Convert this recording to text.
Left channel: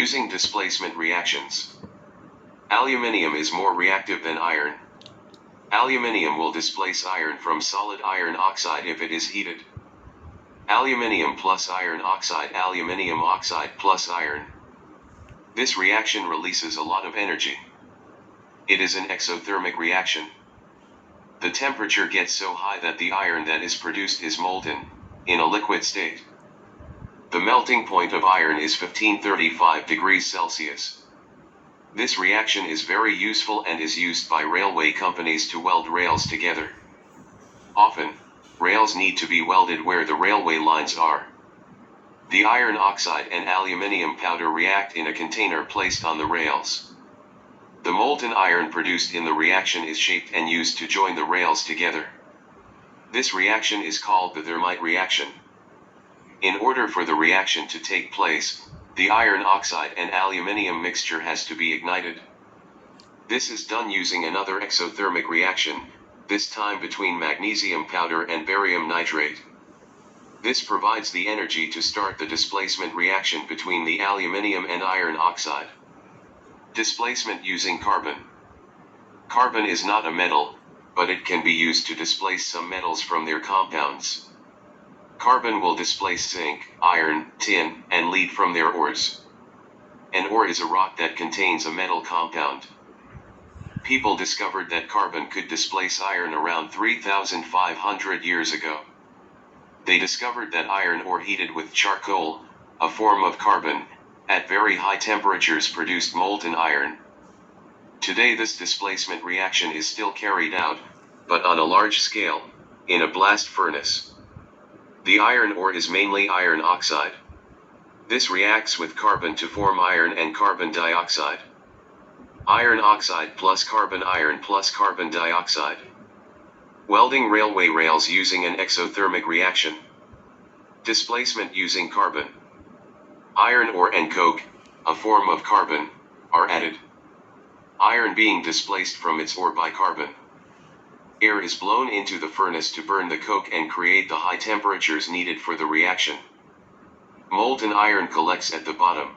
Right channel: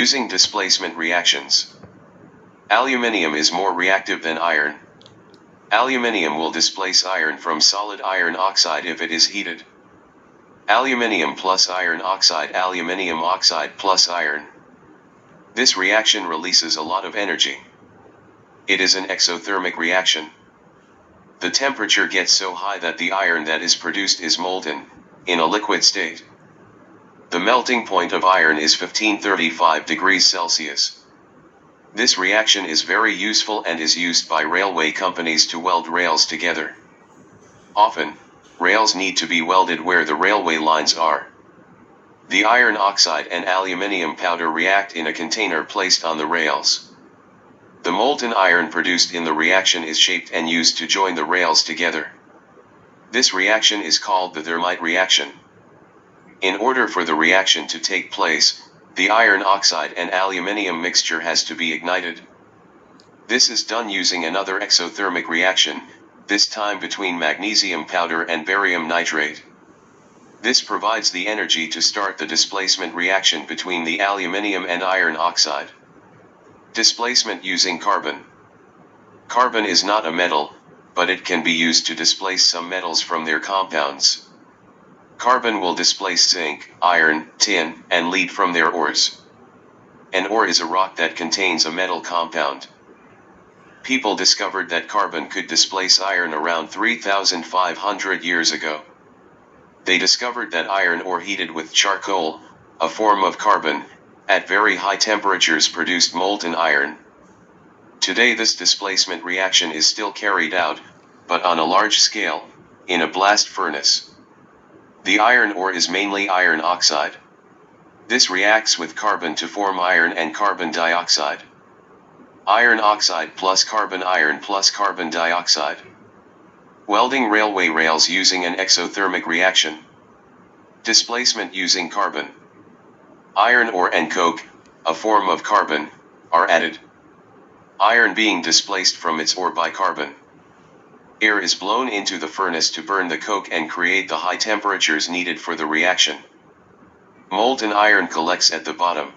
Using displacement reactions. Aluminium is more reactive than iron. Aluminium will displace iron from solid iron oxide if it is heated. Aluminium plus iron oxide, aluminium oxide plus iron. This reaction releases a lot of energy. It is an exothermic reaction. The temperature gets so high that the iron that is produced is molten, in a liquid state. The melting point of iron is 1535 degrees Celsius. This reaction is very useful and is used by railway companies to weld rails together. Often, rails need to be welded where the railway lines are. The iron oxide and aluminium powder react in a container placed on the rails. The molten iron produced in the reaction is shaped and used to join the rails together. This reaction is called the thermite reaction. In order for the reaction to take place, the iron oxide and aluminium mixture has to be ignited. This is done using another exothermic reaction, this time between magnesium powder and barium nitrate. This provides the energy to start the displacement reaction between the aluminium and iron oxide. Displacement using carbon. Carbon is not a metal, but it can be used to displace some metals from their compounds. Carbon will displace zinc, iron, tin, and lead from their ores. An ore is a rock that contains a metal compound. People discovered that carbon could displace iron around 3,500 years ago. They discovered that iron ore heated with charcoal, a form of carbon, at very high temperatures produced molten iron. Today this displacement reaction is still carried out, but on a large scale, in a blast furnace. The iron ore is mainly iron oxide. This reacts with carbon to form iron and carbon dioxide. Iron oxide plus iron plus carbon dioxide. Welding railway rails using an exothermic reaction. Displacement using carbon. Iron ore and coke, a form of carbon, are added. Iron being displaced from its ore by carbon. Air is blown into the furnace to burn the coke and create the high temperatures needed for the reaction. Molten iron collects at the bottom.